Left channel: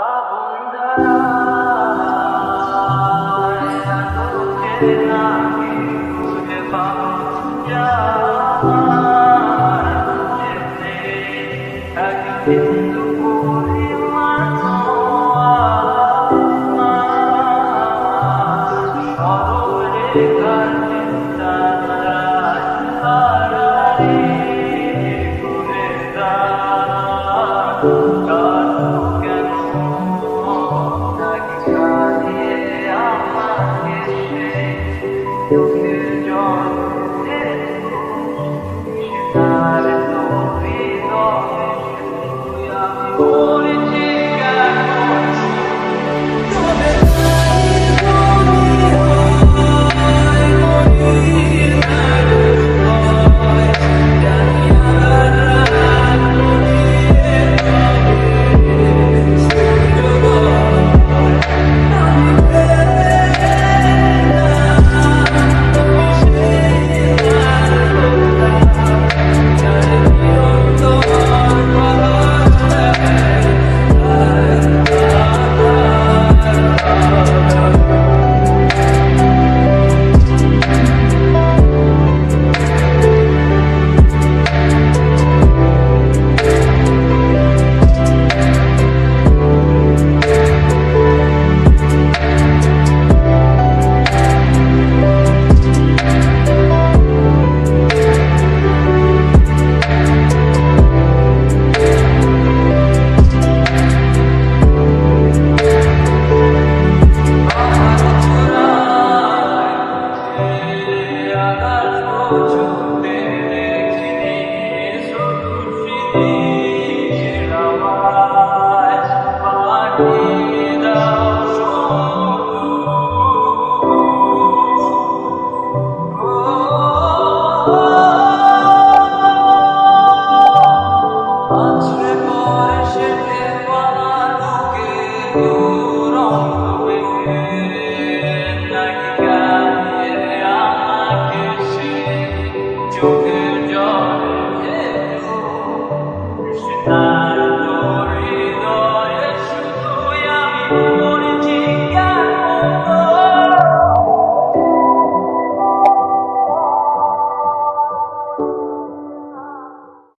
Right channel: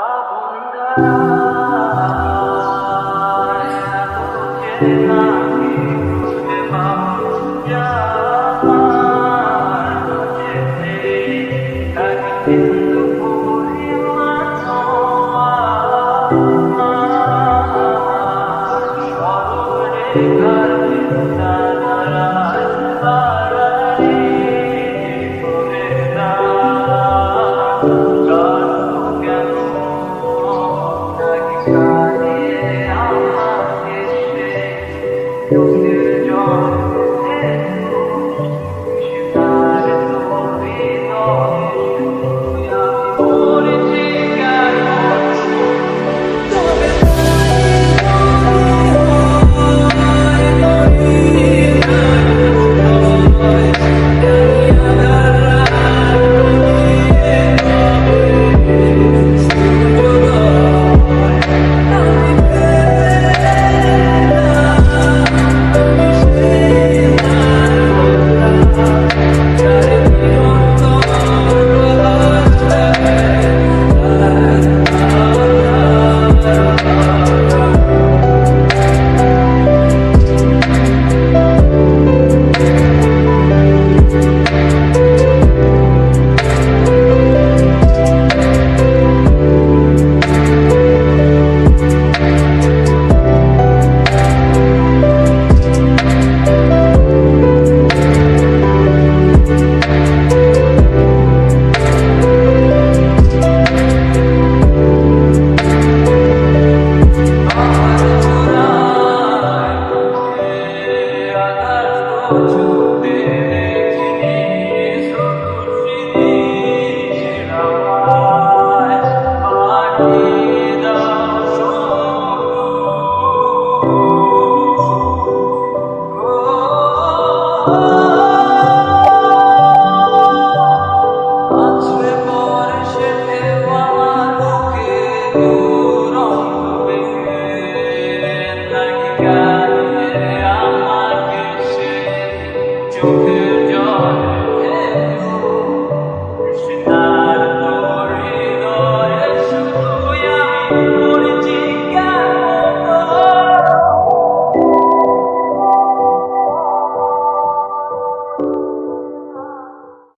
ভাবুন্ধারায় এত চেনা কি খুঁজে পাও যা আমার কাছে এক বিন্দু পরিমাণ আমার সরলরেখার চিন্তাধারায় আড়াআড়ি করে দাও কেন নাকি কাঁদিয়ে আমাকে সেই চোখের জল সেটার তুমি নয় শুধু আমি মরেছি কেন তবে তাই যদি হয় মরি না কোথায় জানি আধার রাত গলিয়ে তবে সূর্যোদয় আমি ভেবে এলাম তুমি সেই লাল গোলাপ যার নিরন্তর বাহার দেয় ছুটে দেখিনি শুধু সিঁড়ির আওয়াজ পানি দাও শুধু আছড়ে পড়ে সে ঢেউ আমার বুকে দুরন্ত বেগে নাকি কাঁদিয়ে আমাকে সে চোখে